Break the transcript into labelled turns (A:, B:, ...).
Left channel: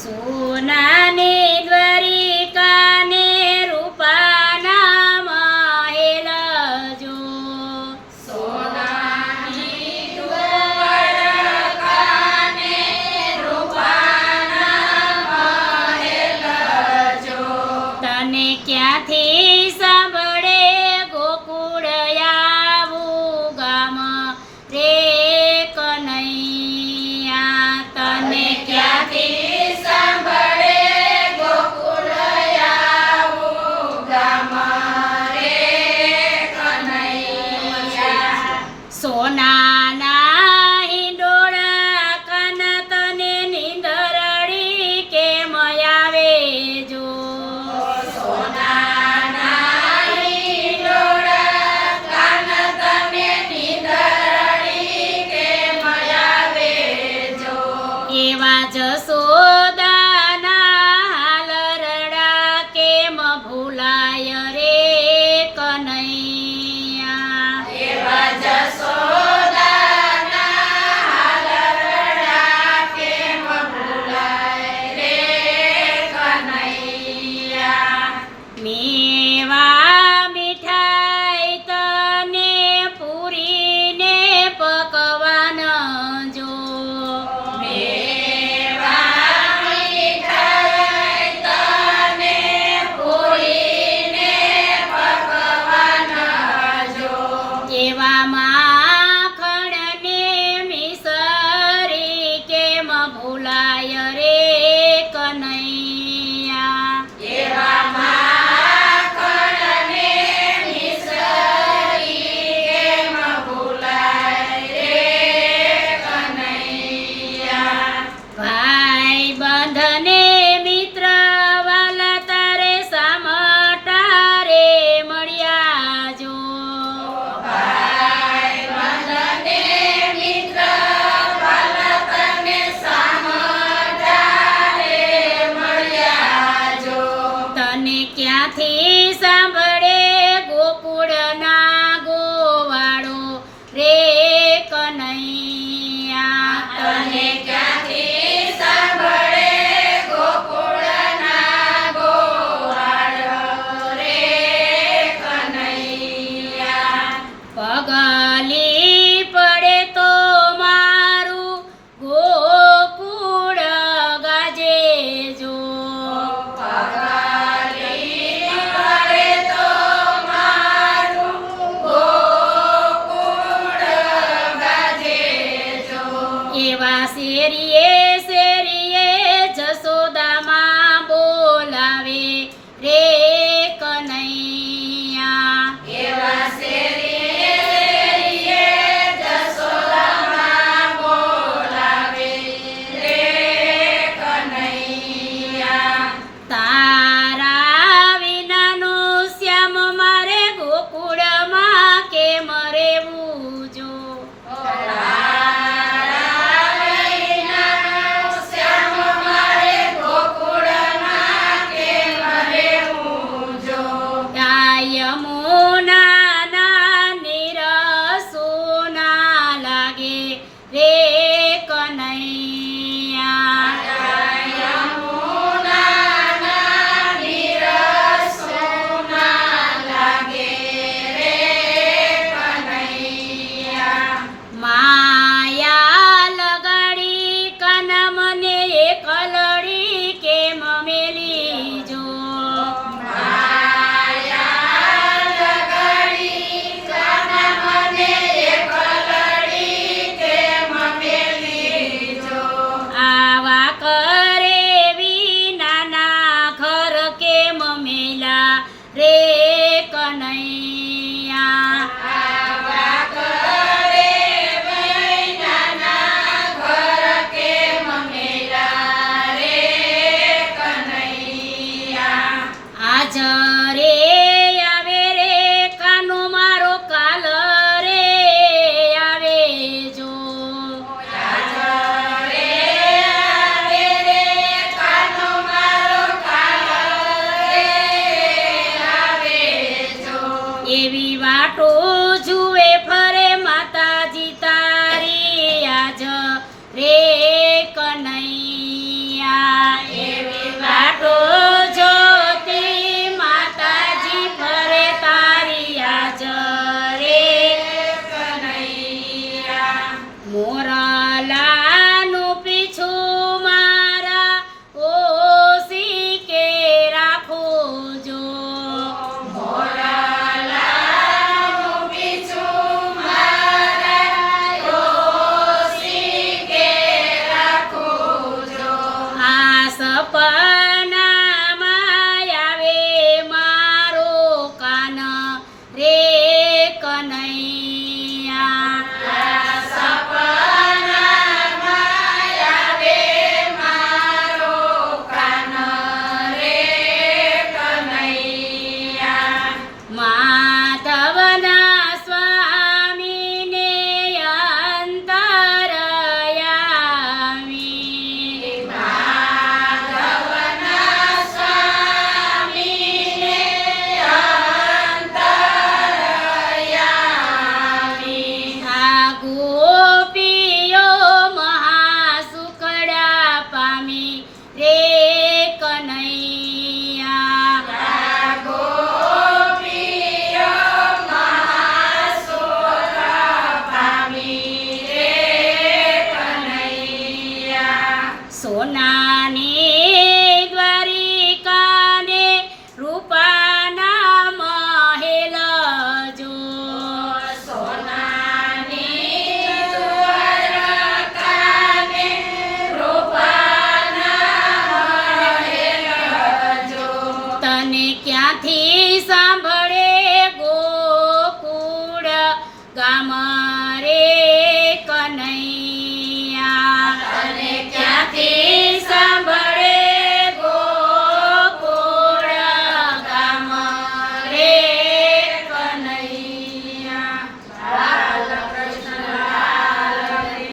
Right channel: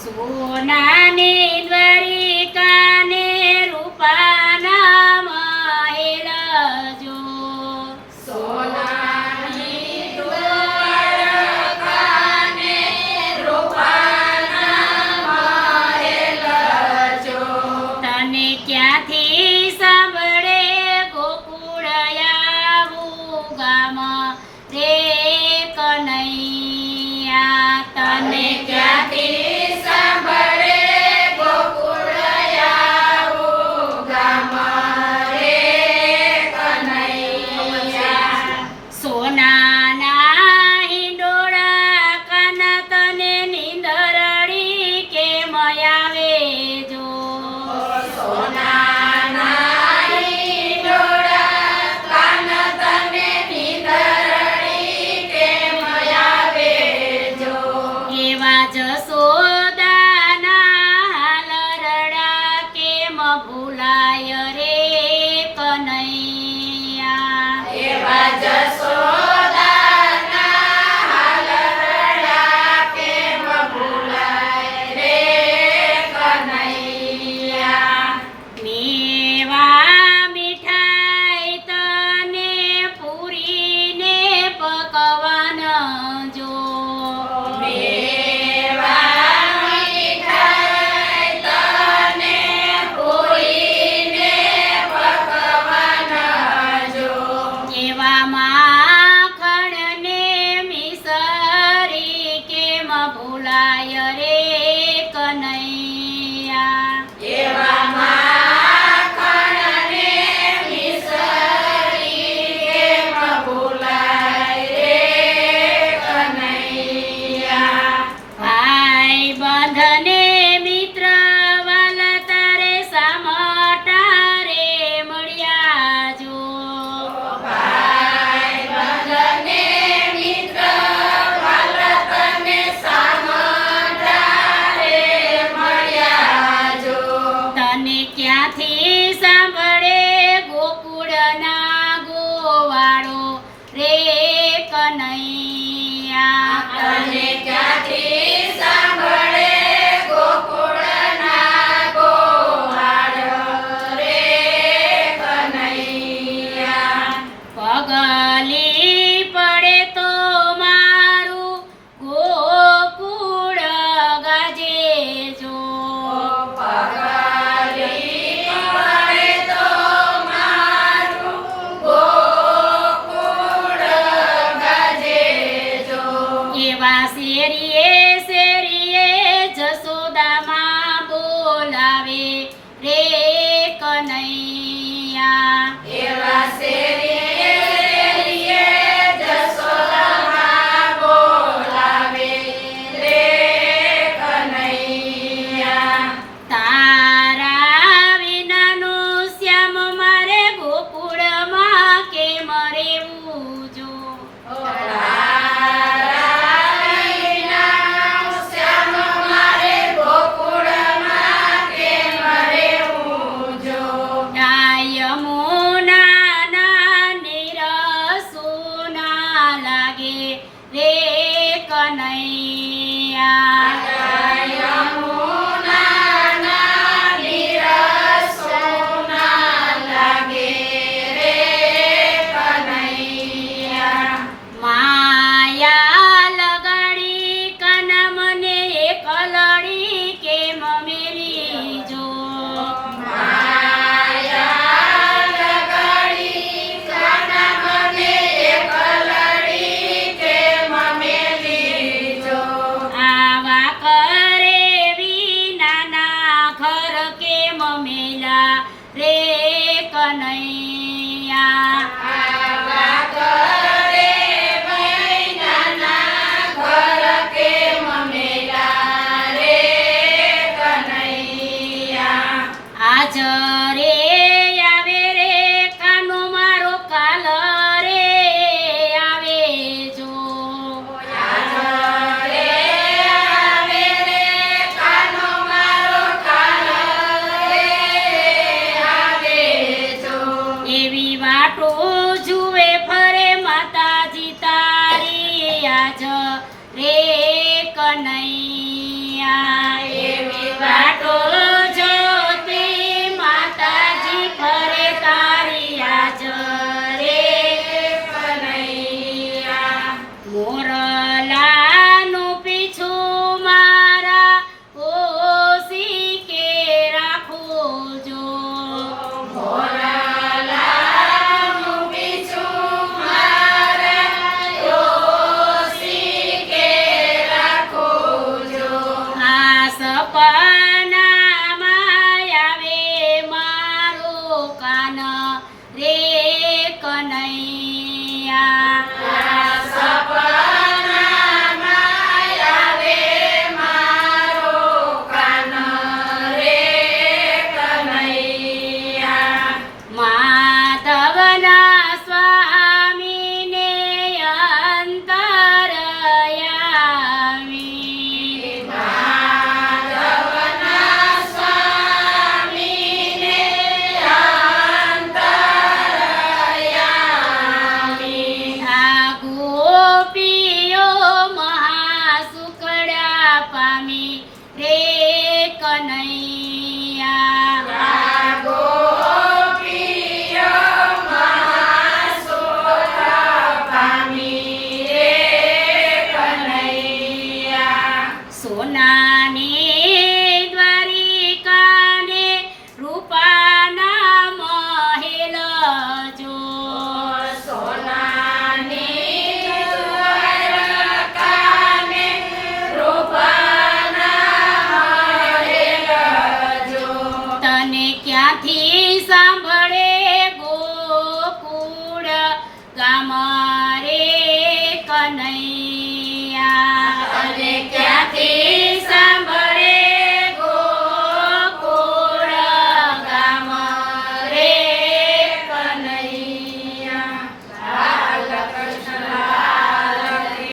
A: સોનાની રે કનૈયા
B: એવી વાટો જોતે માતાજી ફરે તારી આજ રે
A: મોરા mà.